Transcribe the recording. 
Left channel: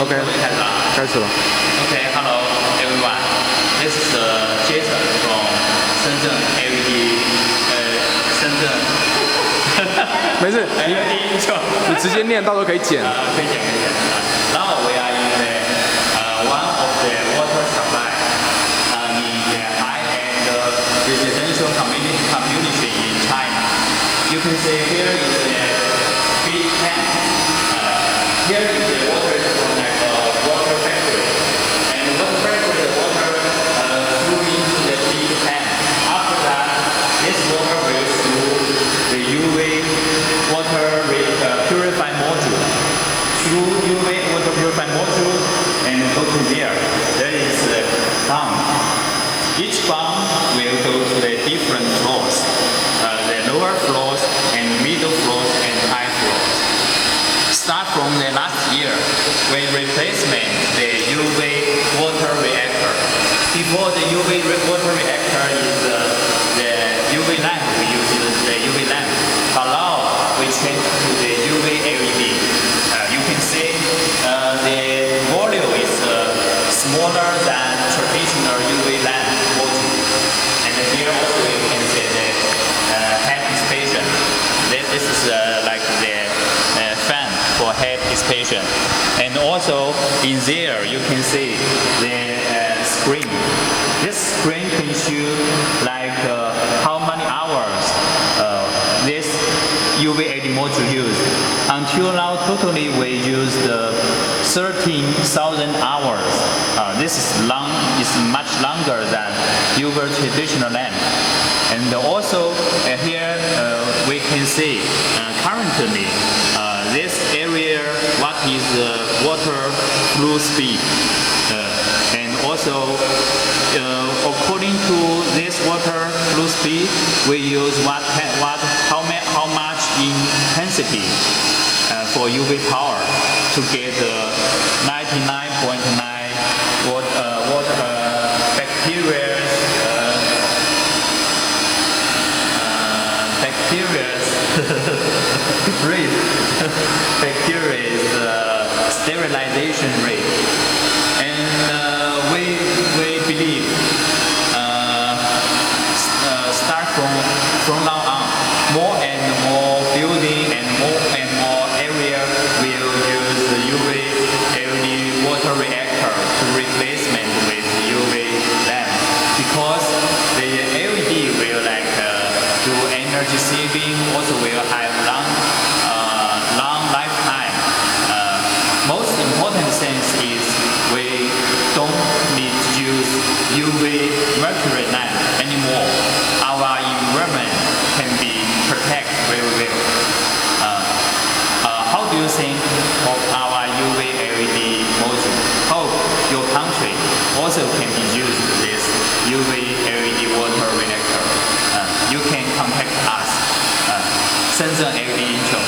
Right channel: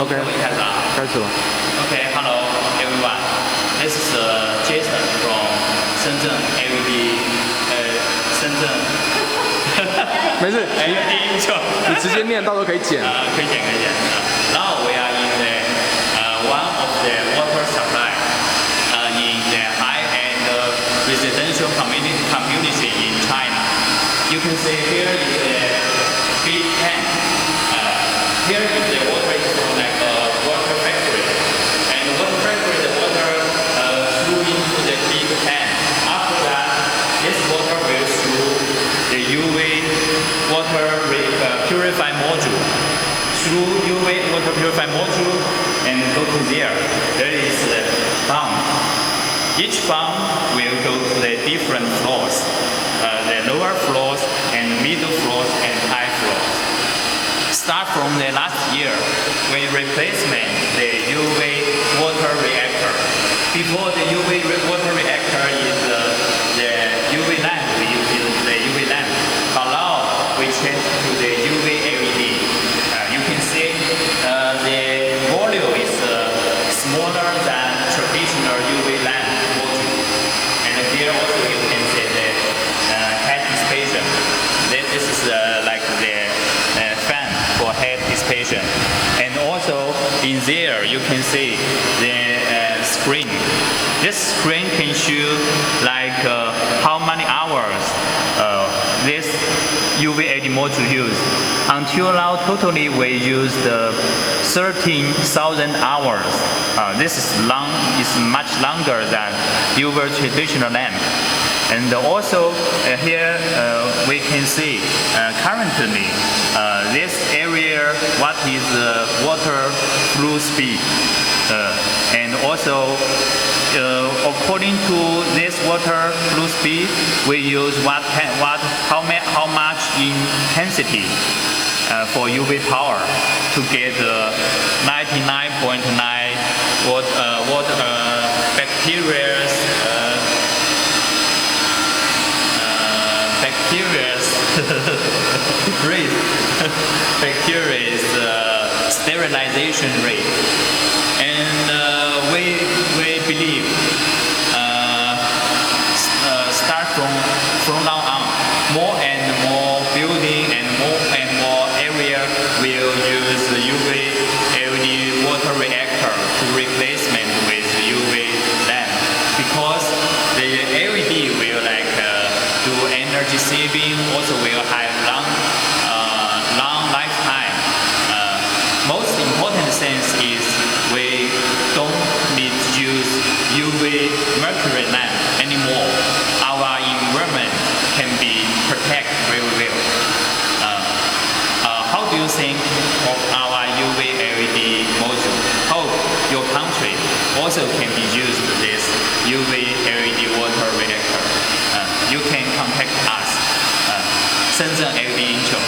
OK， 我就开始了。开始了。Okay, hello everyone. This is Jason from Shenzhen LED. 深圳。没事，LEDINTRO. 你直接念，到时候可以剪。可以剪。Now we are in the one of the water supply in the high-end residential community in China. You can see here is the big tank. Here is the water from like a water factory. And water factory, the water through into the big tank. After that, this water will through the UV water purify module. Through UV water purify module and go to there. There is a pump. Each pump will go to the different floors. The lower floors and middle floors and high floors. Start from the last year when replacement the UV water reactor. Before the UV water reactor is the UV lamp. We use the UV lamp. But now we change to the UV LED. You can see the volume is smaller than traditional UV lamp module. And here also you can see the head dissipation. This is like the fan for head dissipation. And also in there you can see the screen. This screen can show like how many hours this UVLED module used. Until now, totally we used 13,000 hours. This is much longer than UV traditional lamp. And also here we can see currently this area what is water flow speed. And also according to this water flow speed, we use how much intensity for UV power to get 99.9 bacteria rate. Bacteria sterilization rate. And we believe start from now on, more and more building and more area will use the UV LED water reactor to replacement with UV lamp, because the LED will like do energy saving, also will have long lifetime. Most important sense is we don't need to use UV mercury lamp anymore. Our environment can be protected very well. How do you think of our UV LED module? Hope your country also can be used this UV LED water reactor. You can contact us, Shenzhen LEDINTRO.